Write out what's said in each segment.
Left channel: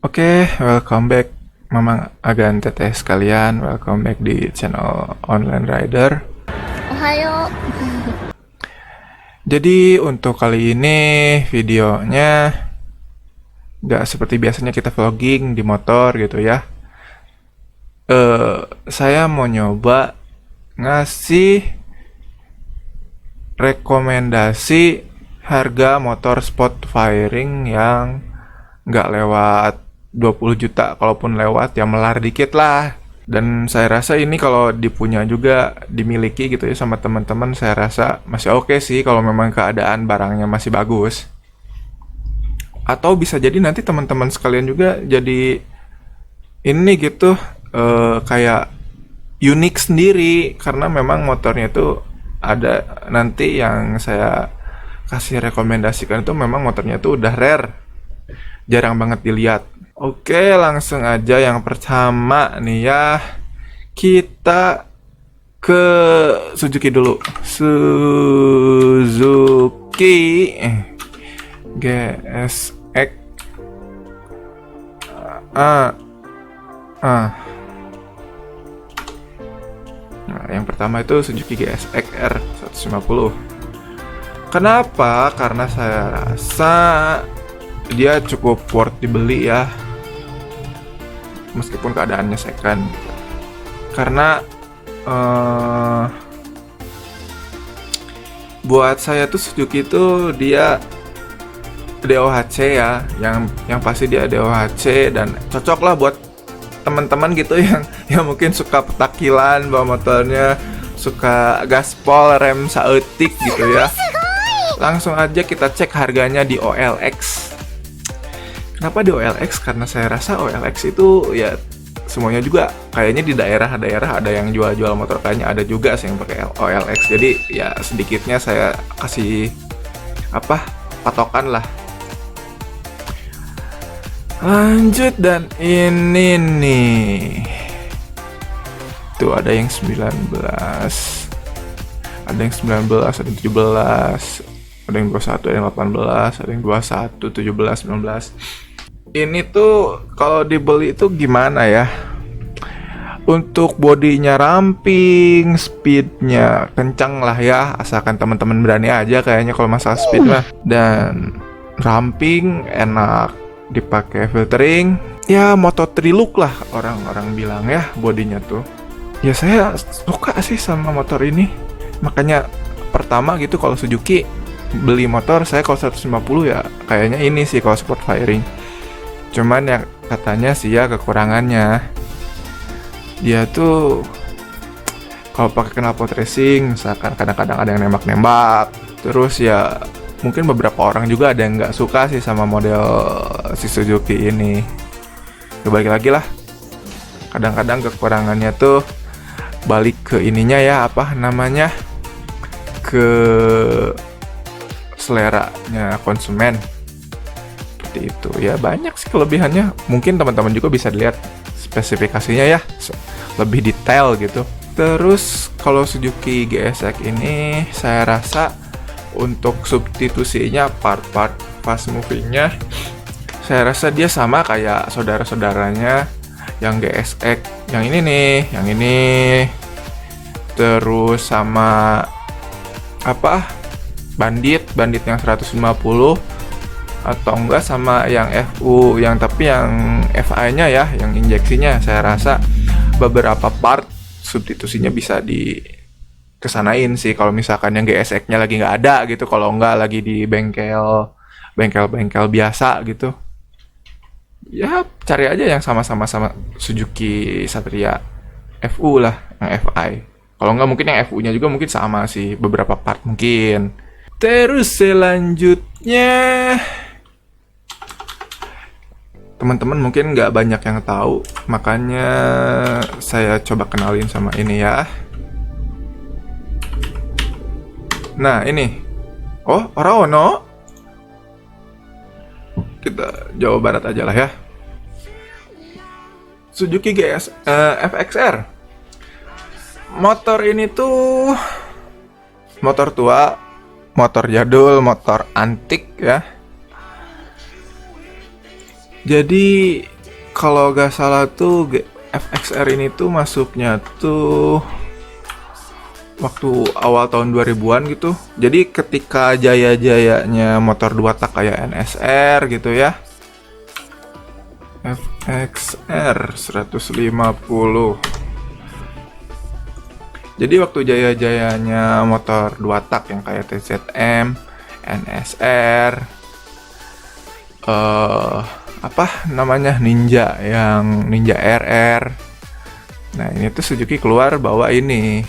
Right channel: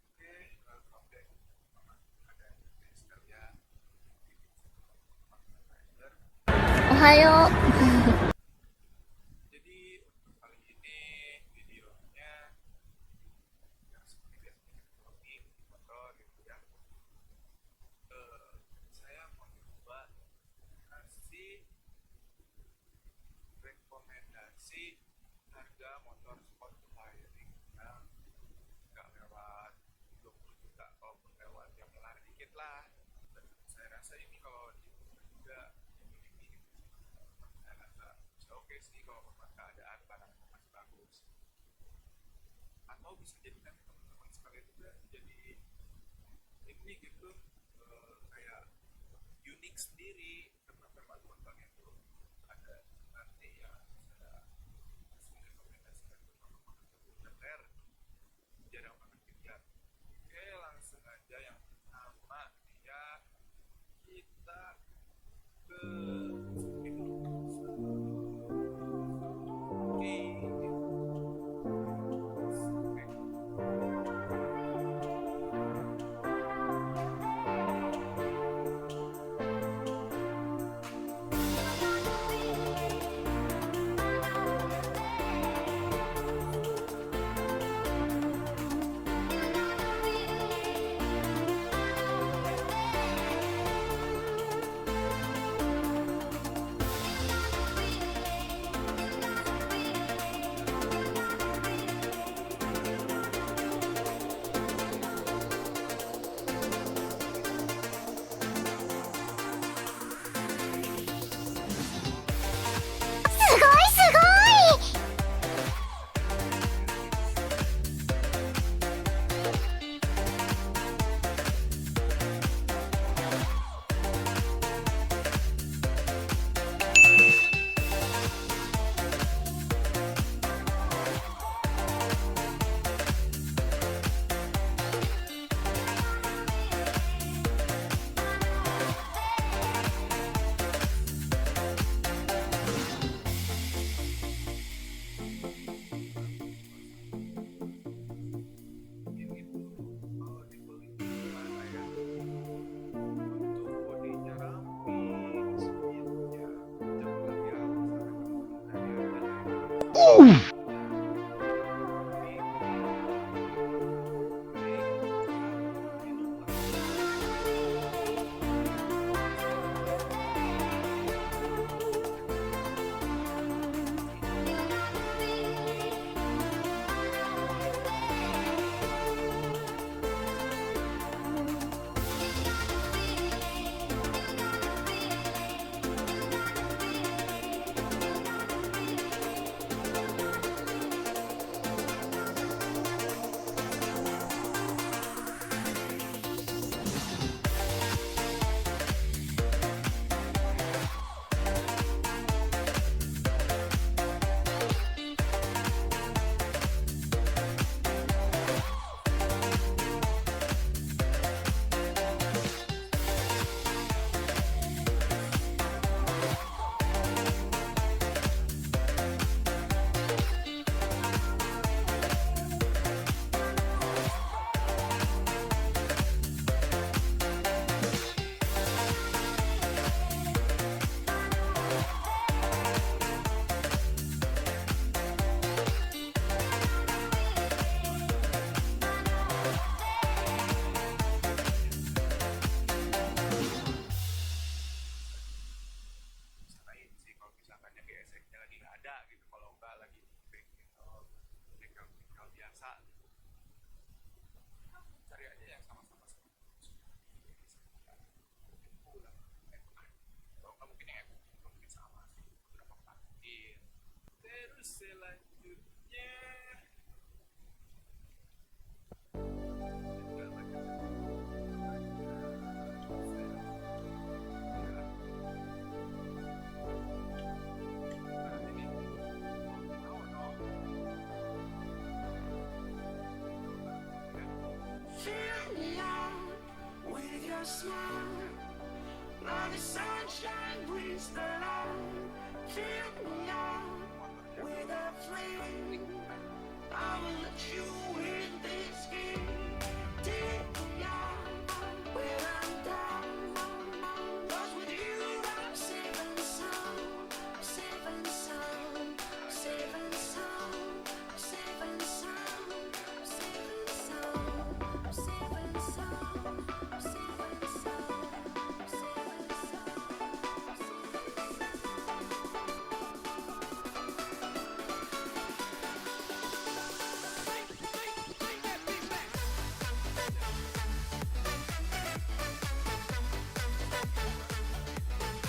Oke, welcome back Mamang Agan Teteh sekalian. Welcome back di channel Online Rider. おはよう。Jadi untuk kali ini videonya nggak seperti biasanya kita vlogging di motor gitu ya. Saya mau nyoba ngasih rekomendasi harga motor sport firing yang nggak lewat 20 juta. Kalaupun lewat ya melar dikit lah. Dan saya rasa ini kalau dipunya juga dimiliki gitu ya sama teman-teman, saya rasa masih oke sih kalau memang keadaan barangnya masih bagus. Atau bisa jadi nanti teman-teman sekalian juga jadi ini gitu, kayak unik sendiri karena memang motornya itu ada nanti yang saya kasih rekomendasikan itu memang motornya itu udah rare, jarang banget dilihat. Oke, langsung aja yang pertama nih ya. Kita ke Suzuki dulu. Suzuki GSX. Ah, ah. Nah, yang pertama itu Suzuki GSX R150. Kenapa? Karena saya rasa dia cukup worth dibeli ya, meskipun keadaannya second. Karena eh, buat saya tuh Suzuki itu dia DOHC ya, yang pasti dia DOHC dan cocok lah buat teman-teman gitu yang mungkin suka petakilan bawa motornya, suka gaspol rem saeutik gitu ya. Langsung aja kita cek harganya di OLX. Kenapa di OLX? Karena saya rasa OLX itu ya semuanya juga kayaknya di daerah-daerah ada yang jual-jual motor, kayaknya ada juga sih yang pakai OLX. Jadi ya sedikitnya saya kasih apa patokan lah. Lanjut, dan ini nih. Tuh ada yang 19. Ada yang 19, ada yang 17, ada yang 21, ada yang 18, ada yang 21, 17, 19. Ini tuh kalau dibeli itu gimana ya? Untuk bodinya ramping, speednya kencang lah ya, asalkan teman-teman berani aja kayaknya kalau masalah speed lah. Dan ramping, enak dipakai filtering. Ya Moto3 look lah orang-orang bilang ya bodinya tuh. Ya saya suka sih sama motor ini. Makanya pertama gitu kalau Suzuki beli motor saya kalau 150 ya kayaknya ini sih kalau sport firing. Cuman ya katanya sih ya kekurangannya dia tuh kalau pakai knalpot racing misalkan kadang-kadang ada yang nembak-nembak, terus ya mungkin beberapa orang juga ada yang nggak suka sih sama model si Suzuki ini. Kembali lagi lah, kadang-kadang kekurangannya tuh balik ke ininya ya, apa namanya, ke seleranya konsumen. Seperti itu ya, banyak sih kelebihannya. Mungkin teman-teman juga bisa lihat spesifikasinya ya lebih detail gitu. Terus kalau Suzuki GSX ini saya rasa untuk substitusinya part-part fast movingnya saya rasa dia sama kayak saudara-saudaranya yang GSX, yang ini nih, yang ini. Terus sama apa, bandit yang 150, atau enggak sama yang FU yang tapi yang FI-nya ya, yang injeksinya. Saya rasa beberapa part substitusinya bisa kesanain sih kalau misalkan yang GSX-nya lagi nggak ada gitu, kalau nggak lagi di bengkel biasa gitu. Ya cari aja yang sama-sama sama Suzuki Satria FU lah, yang FI. Kalau nggak mungkin yang FU-nya juga mungkin sama sih, beberapa part mungkin. Terus selanjutnya, teman-teman mungkin nggak banyak yang tahu, makanya saya coba kenalin sama ini ya. Nah ini, oh orang ono, kita Jawa Barat aja lah ya. Suzuki FXR. Motor ini tuh motor tua, motor jadul, motor antik ya. Jadi kalau gak salah tuh FXR ini tuh masuknya tuh waktu awal tahun 2000-an gitu. Jadi ketika jaya-jayanya motor 2 tak kayak NSR gitu ya. FXR 150. Jadi waktu jaya-jayanya motor 2 tak yang kayak TZM, NSR, apa namanya, Ninja, yang Ninja RR. Nah ini tuh Suzuki keluar bawa ini.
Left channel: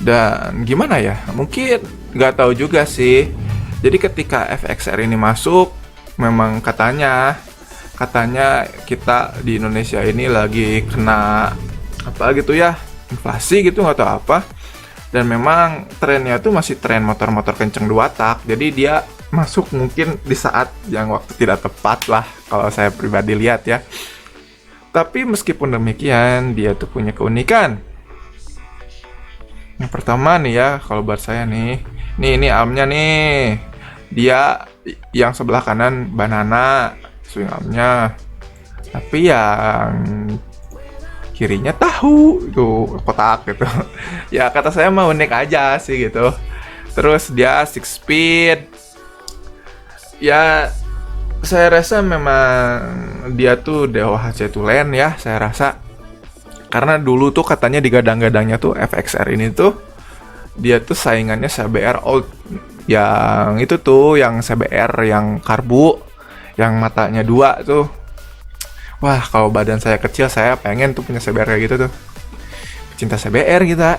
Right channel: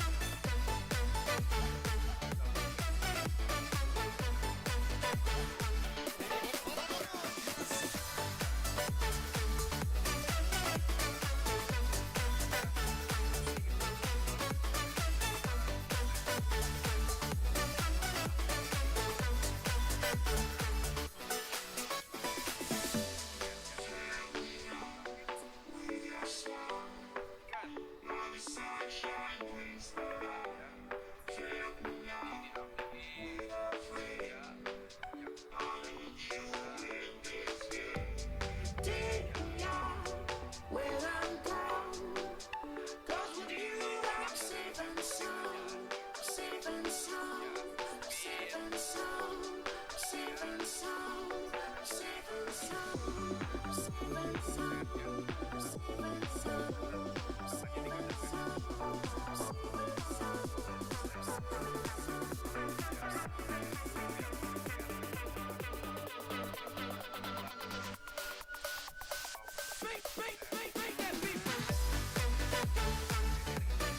Dan gimana ya, mungkin nggak tahu juga sih. Jadi ketika FXR ini masuk, memang katanya kita di Indonesia ini lagi kena apa gitu ya, inflasi gitu, nggak tahu apa. Dan memang trennya tuh masih tren motor-motor kenceng 2 tak. Jadi dia masuk mungkin di saat yang waktu tidak tepat lah, kalau saya pribadi lihat ya. Tapi meskipun demikian, dia tuh punya keunikan. Yang pertama nih ya, kalau buat saya nih, ini armnya nih, dia yang sebelah kanan banana swing armnya, tapi yang kirinya tahu itu kotak gitu. Ya kata saya mah unik aja sih gitu. Terus dia 6 speed. Ya saya rasa memang dia tuh DOHC Tulen ya, saya rasa. Karena dulu tuh katanya digadang-gadangnya tuh FXR ini tuh dia tuh saingannya CBR Old. Yang itu tuh yang CBR yang karbu, yang matanya 2 tuh. Wah, kalau badan saya kecil, saya pengen tuh punya CBR kayak gitu tuh. Cinta CBR kita.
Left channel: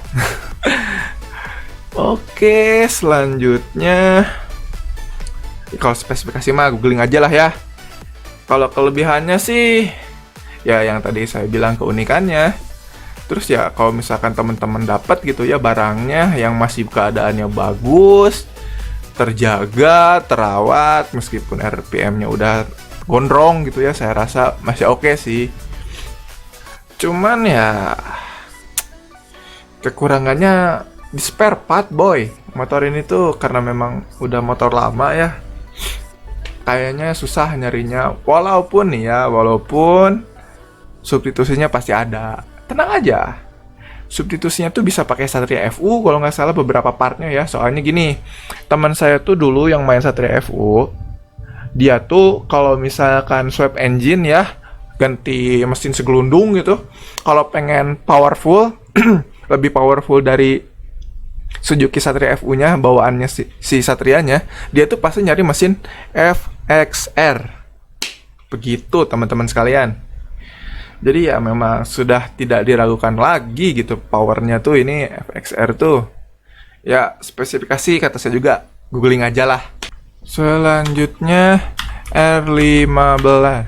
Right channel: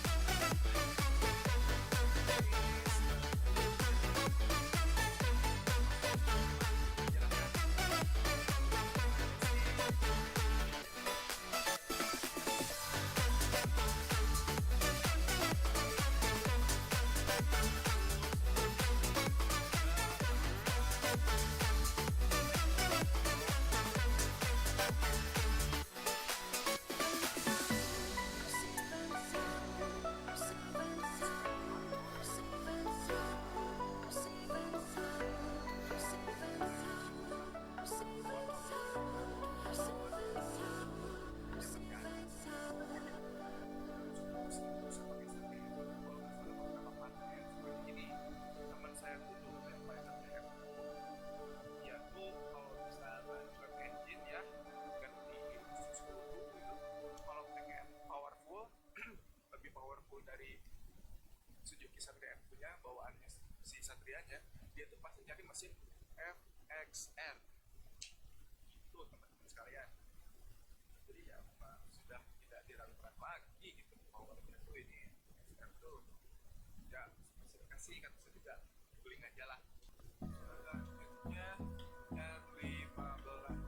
Oke, selanjutnya kalau spesifikasi mah googling aja lah ya. Kalau kelebihannya sih ya yang tadi saya bilang keunikannya. Terus ya kalau misalkan teman-teman dapat gitu ya barangnya yang masih keadaannya bagus, terjaga, terawat, meskipun RPM-nya udah gondrong gitu ya, saya rasa masih oke sih. Cuman ya kekurangannya di spare part boy. Motor ini tuh karena memang udah motor lama ya, kayaknya susah nyarinya. Walaupun substitusinya pasti ada. Tenang aja, substitusinya tuh bisa pakai Satria FU kalau nggak salah beberapa partnya ya. Soalnya gini, teman saya tuh dulu yang main Satria FU, dia tuh kalau misalkan swap engine ya, ganti mesin segelundung gitu, kalau pengen powerful lebih powerful dari Suzuki Satria FU-nya, bawaannya si Satrianya, dia tuh pasti nyari mesin FXR. Begitu teman-teman sekalian. Jadi ya memang sudah tidak diragukan lagi gitu, powernya tuh ini FXR tuh. Ya spesifikasi kata saya juga googling aja lah. Selanjutnya R15.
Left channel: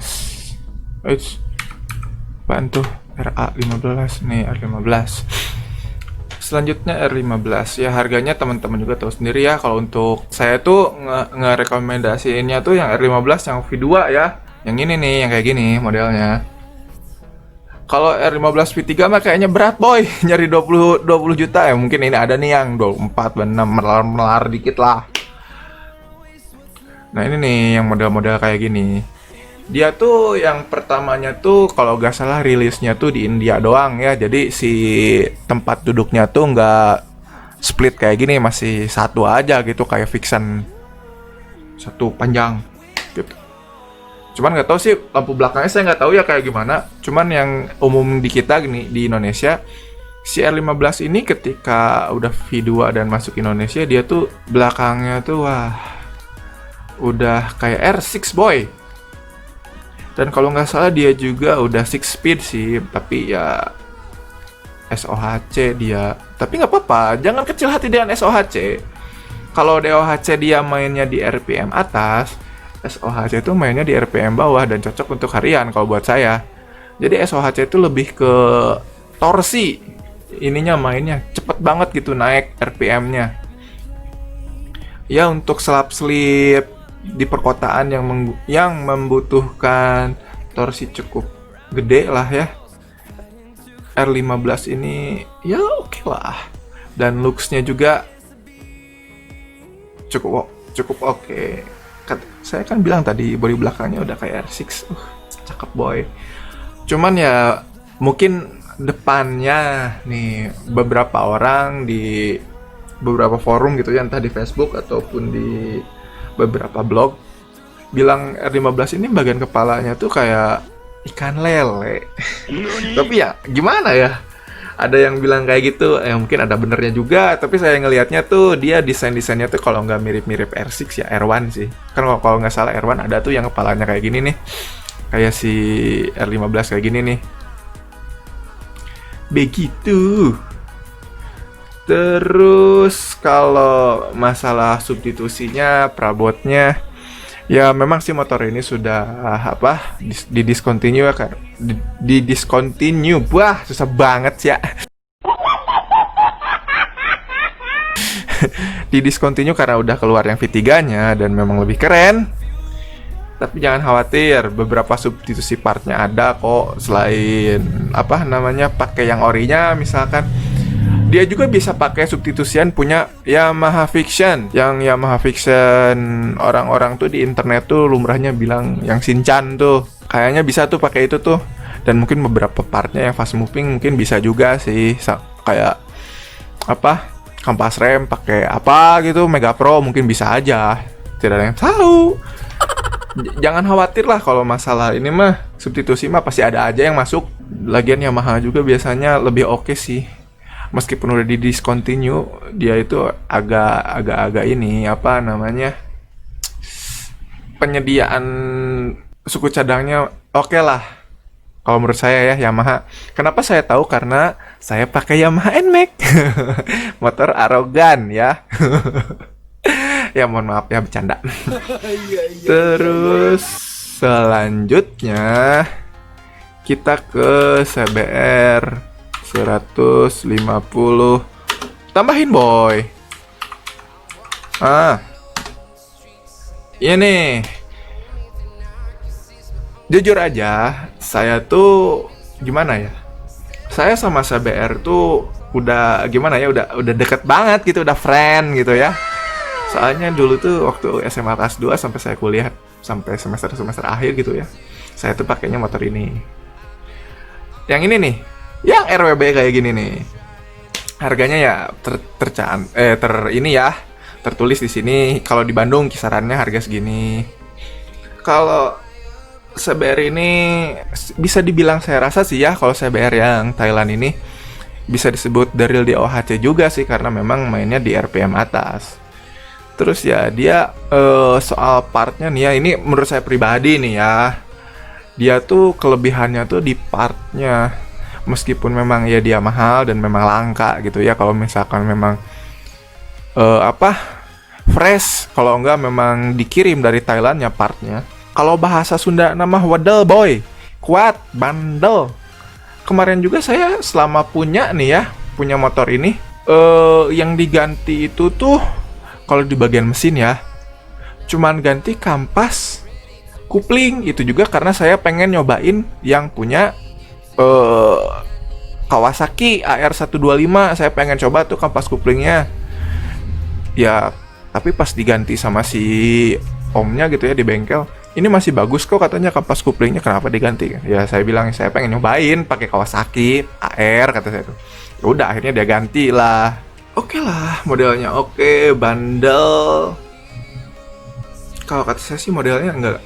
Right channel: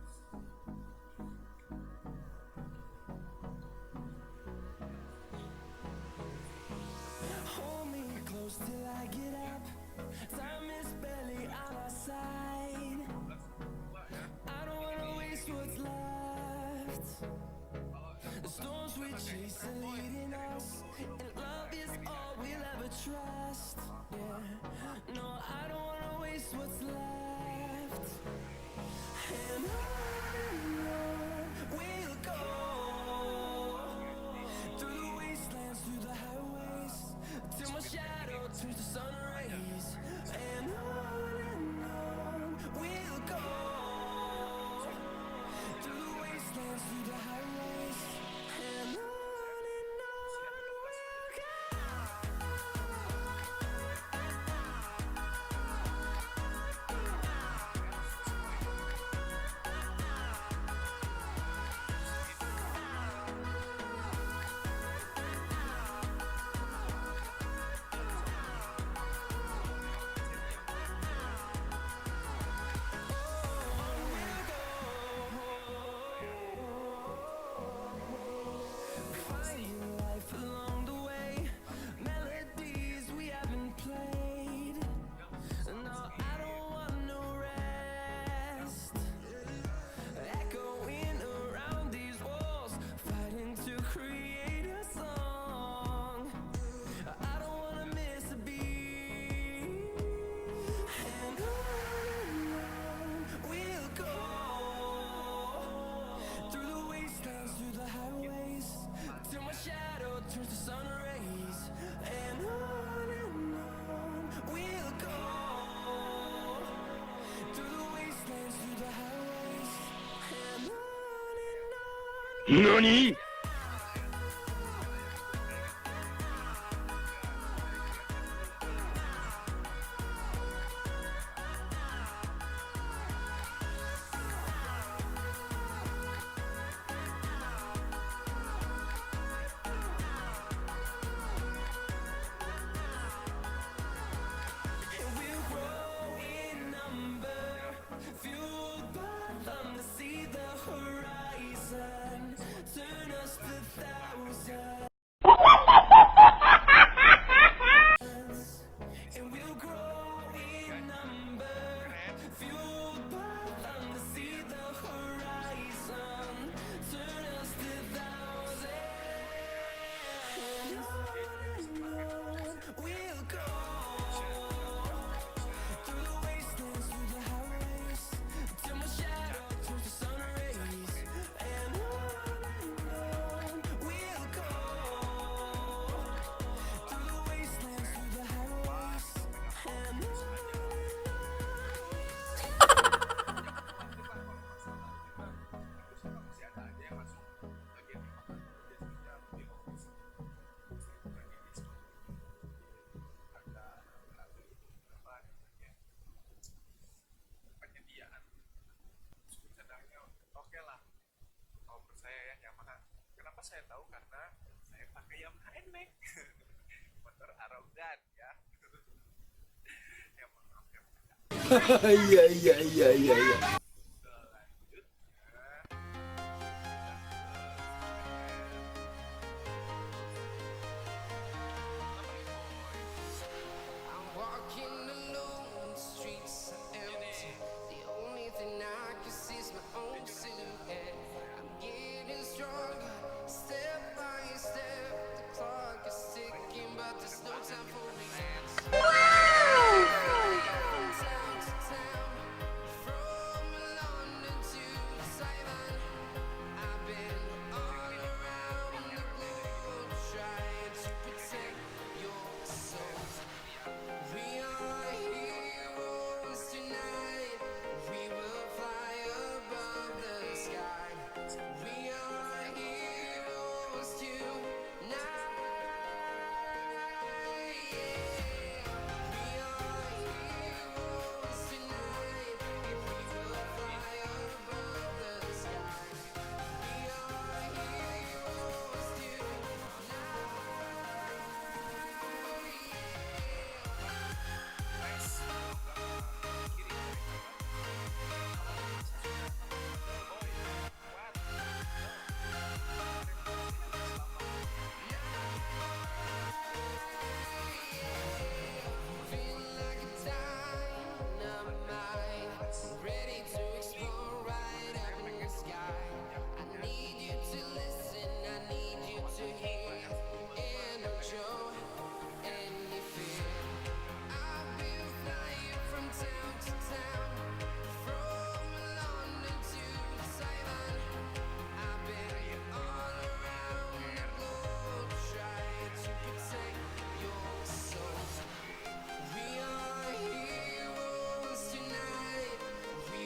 Apaan tuh? RA15 nih, R15. Selanjutnya R15 ya, harganya teman-teman juga tahu sendiri ya. Kalau untuk saya tuh ngerekomendasiinnya tuh yang R15 yang V2 ya. Yang ini nih, yang kayak gini modelnya. Kalau R15 V3 mah kayaknya berat boy, nyari 20 juta ya. Mungkin ini ada nih yang 24 dan 6 melar dikit lah. Nah ini nih yang model-model kayak gini. Dia tuh yang pertamanya tuh kalau gak salah rilisnya tuh di India doang ya. Jadi si tempat duduknya tuh nggak split kayak gini, masih satu aja gitu kayak Vixen, satu panjang gitu. Cuman nggak tahu sih lampu belakangnya, saya nggak tahu ya kayak gimana. Cuman yang umum di kita gini di Indonesia, si R15 ini ketika udah V2 dan masuk Indonesia, dia tuh belakangnya tuh wah udah kayak R6 boy. Dan kalau nggak salah dia juga udah 6 speed sih, tapi ya SOHC dia. Tapi nggak apa-apa, jangan kecil hati dengan SOHC. Kalau DOHC dia mainnya di RPM atas, SOHC itu mainnya di RPM bawah dan cocok untuk harian kalau buat saya. Jadi SOHC itu lebih ke torsi. Ininya mainnya cepet banget gitu naik RPM-nya. Ya untuk selap-selip di perkotaan yang membutuhkan torsi cukup gede lah ya, R15 ini ya oke lah. Dan looks-nya juga cukup oke. Saya kan bilang tadi bodi belakangnya udah kayak R6. Cakep boy. Cuman ya mungkin depannya nih beberapa orang di beberapa forum gitu ya, entah di Facebook ataupun di beberapa blog bilang R15 ini bagian kepalanya tuh kayak ikan lele. Tapi ya gimana ya? Ada yang bilang kayak gitu, mungkin ada benernya juga. Tapi saya ngelihatnya tuh dia desainnya tuh kalau nggak mirip-mirip R6 ya R1 sih. Kan kalau nggak salah R1 ada tuh yang kepalanya kayak gini nih, kayak si R15 kayak gini nih. Begitu. Terus kalau masalah substitusinya, perabotnya, ya memang sih motor ini sudah di discontinue kan, di discontinue. Wah, susah banget ya. Di discontinue karena udah keluar yang V3-nya dan memang lebih keren. Tapi jangan khawatir, beberapa substitusi partnya ada kok, selain pakai yang orinya misalkan. Dia juga bisa pakai substitusian punya Yamaha Fiction. Yang Yamaha Fiction orang-orang tuh di internet tuh lumrahnya bilang yang Shinchan tuh. Kayaknya bisa tuh pakai itu tuh. Dan mungkin beberapa partnya yang fast moving mungkin bisa juga sih. Kayak kampas rem pakai apa gitu, Mega Pro mungkin bisa aja. Tidak ada yang tahu. Jangan khawatir lah kalau masalah ini mah, substitusi mah pasti ada aja yang masuk. Lagian Yamaha juga biasanya lebih oke sih. Meskipun udah di discontinue, dia itu agak ini penyediaan suku cadangnya oke lah. Kalau menurut saya ya Yamaha. Kenapa saya tahu? Karena saya pakai Yamaha NMAX. Motor arogan ya. Ya mohon maaf ya, bercanda. Terus selanjutnya kita ke CBR 150. Tambahin boy. Ini jujur aja, saya tuh gimana ya? Saya sama CBR tuh udah gimana ya? Udah deket banget gitu, udah friend gitu ya. Soalnya dulu tuh waktu SMA kelas 2 sampai saya kuliah sampai semester akhir gitu ya. Saya tuh pakainya motor ini. Yang ini nih, yang RWB kayak gini nih. Harganya ya tertulis di sini kalau di Bandung kisarannya harga segini. Kalau CBR ini bisa dibilang, saya rasa sih ya, kalau CBR yang Thailand ini bisa disebut dari DOHC juga sih, karena memang mainnya di RPM atas. Terus ya dia soal partnya nih ya, ini menurut saya pribadi nih ya, dia tuh kelebihannya tuh di partnya. Meskipun memang ya dia mahal dan memang langka gitu ya, kalau misalkan memang fresh, kalau enggak memang dikirim dari Thailand ya partnya. Kalau bahasa Sunda nama wadel boy, kuat, bandel. Kemarin juga saya selama punya motor ini, yang diganti itu tuh kalau di bagian mesin ya, cuman ganti kampas, kupling. Itu juga karena saya pengen nyobain yang punya Kawasaki AR125. Saya pengen coba tuh kampas kuplingnya ya, tapi pas diganti sama si omnya gitu ya di bengkel, ini masih bagus kok katanya kampas kuplingnya, kenapa diganti? Ya saya bilang saya pengen nyobain pakai Kawasaki AR, kata saya tuh. Ya udah akhirnya dia ganti lah. Oke lah, modelnya oke, bandel. Kalau kata saya sih modelnya nggak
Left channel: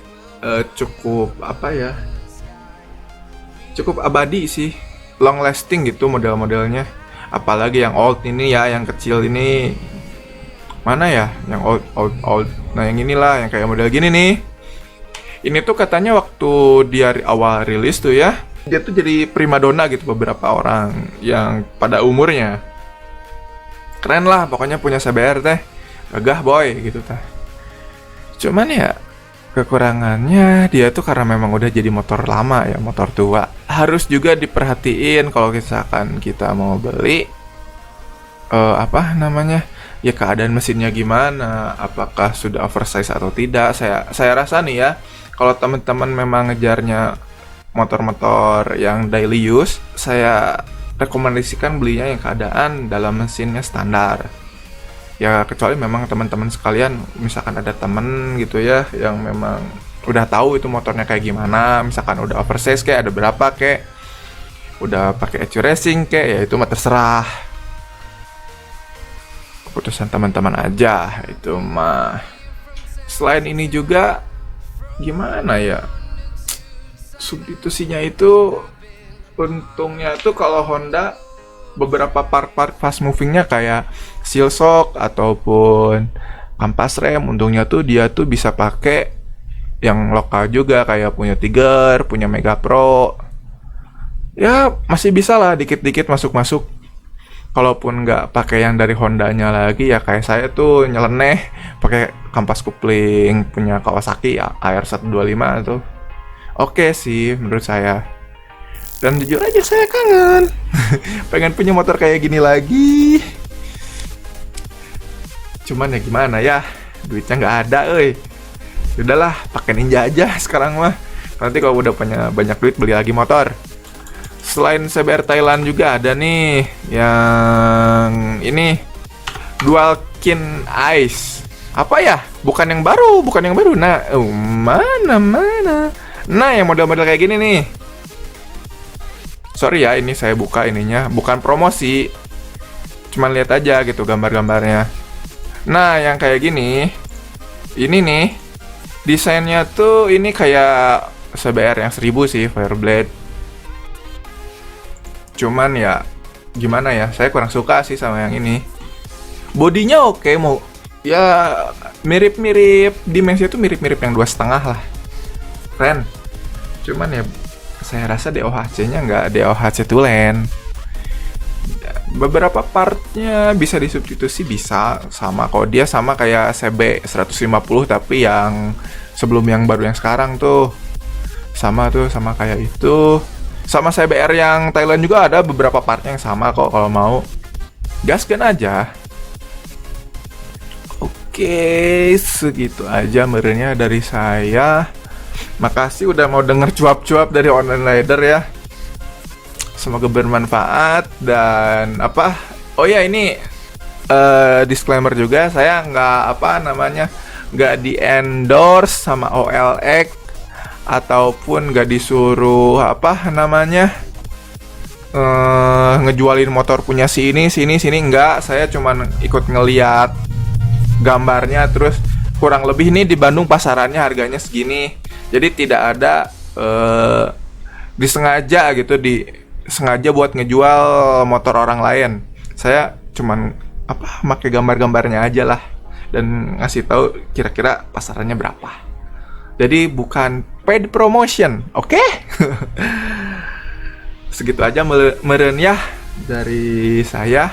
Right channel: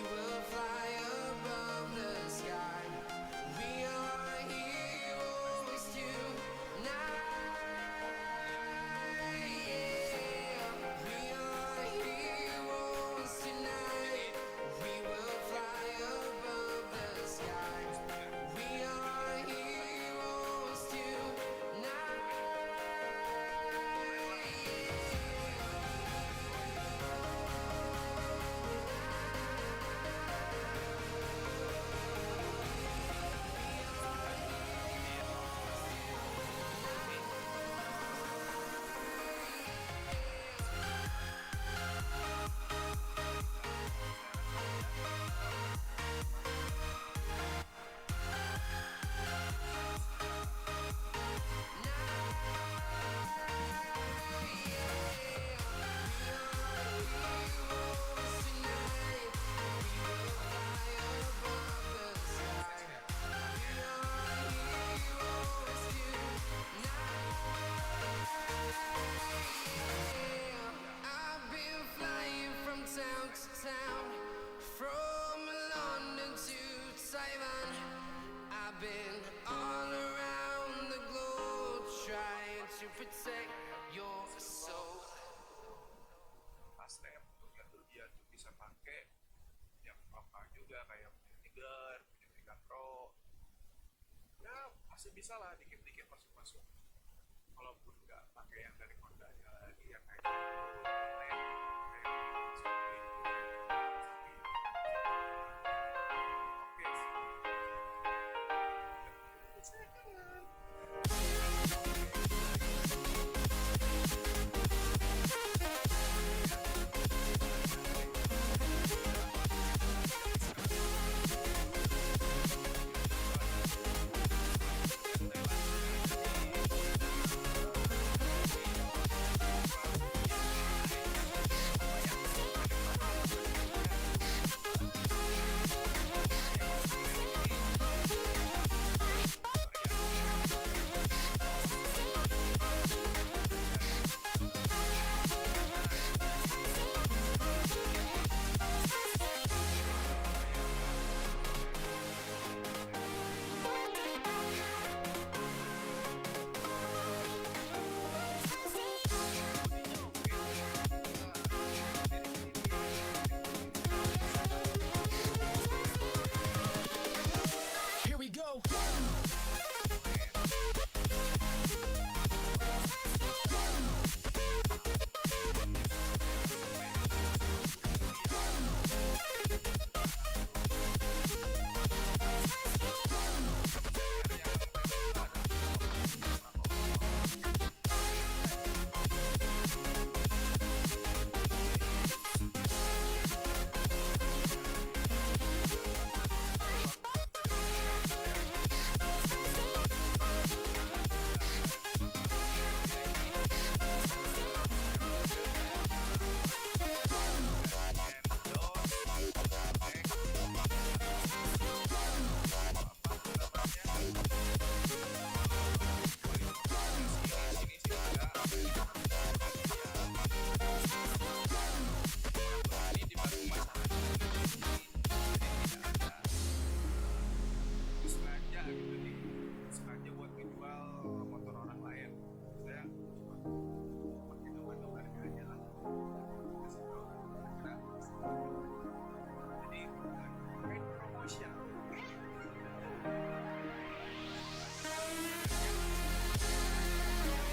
cukup cukup abadi sih, long lasting gitu model-modelnya. Apalagi yang old ini ya, yang kecil ini mana ya, yang old. Nah yang inilah yang kayak model gini nih. Ini tuh katanya waktu dia awal rilis tuh ya, dia tuh jadi primadona gitu beberapa orang yang pada umurnya. Keren lah pokoknya punya CBR teh, gagah boy gitu teh. Cuman ya kekurangannya dia tuh karena memang udah jadi motor lama ya, motor tua. Harus juga diperhatiin kalau misalkan kita mau beli ya keadaan mesinnya gimana, apakah sudah oversize atau tidak. Saya rasa nih ya, kalau teman-teman memang ngejarnya motor-motor yang daily use, saya rekomendasikan belinya yang keadaan dalam mesinnya standar. Ya kecuali memang teman-teman sekalian, misalkan ada temen gitu ya yang memang udah tahu itu motornya kayak gimana, misalkan udah oversize kayak ada berapa kayak udah pakai ECU racing kayak ya itu mah terserah, keputusan teman-teman aja itu mah. Selain ini juga gimana ya, substitusinya itu untungnya tuh kalau Honda beberapa part-part fast movingnya kayak seal shock ataupun kampas rem, untungnya tuh dia tuh bisa pakai yang lokal juga kayak punya Tiger, punya Mega Pro. Ya masih bisa lah dikit-dikit masuk-masuk. Kalaupun nggak pakai yang dari Hondanya lagi ya kayak saya tuh nyeleneh pakai kampas kopling punya Kawasaki ya AR125 tuh. Oke sih menurut saya. Dan jujur aja saya kangen. Pengen punya motor kayak gini lagi. Cuman ya gimana ya, duitnya nggak ada, Udahlah, pakai Ninja aja sekarang mah. Nanti kalau udah punya banyak duit beli lagi motor. Selain CBR Thailand juga ada nih yang ini Dual Kin Ice. Apa ya? Bukan yang baru. Nah, mana? Nah, yang model-model kayak gini nih. Sorry ya, ini saya buka ininya, bukan promosi. Cuman lihat aja gitu gambar-gambarnya. Nah, yang kayak gini, ini nih, desainnya tuh ini kayak CBR yang 1000 sih, Fireblade. Cuman ya, gimana ya, saya kurang suka sih sama yang ini. Bodinya oke, mau ya mirip-mirip, dimensinya tuh mirip-mirip yang 2,5 lah. Keren. Cuman ya, saya rasa DOHC-nya nggak DOHC tulen. Beberapa partnya bisa disubstitusi, bisa sama kok, dia sama kayak CB 150 tapi yang sebelum yang baru yang sekarang tuh sama kayak itu. Sama CBR yang Thailand juga ada beberapa partnya yang sama kok, kalau mau gaskan aja. Oke, segitu aja merenya dari saya. Makasih udah mau denger cuap-cuap dari Online Rider ya. Semoga bermanfaat dan apa? Oh ya ini disclaimer juga, saya nggak di endorse sama OLX ataupun nggak disuruh ngejualin motor punya sini nggak. Saya cuman ikut ngeliat gambarnya, terus kurang lebih nih di Bandung pasarannya harganya segini. Jadi tidak ada disengaja gitu sengaja buat ngejual motor orang lain. Saya cuman pakai gambar-gambarnya aja lah dan ngasih tahu kira-kira pasarannya berapa. Jadi bukan paid promotion, oke? Segitu aja meren ya dari saya.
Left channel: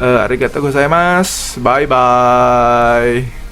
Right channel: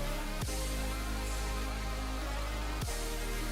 Arigatou gozaimasu. Bye bye.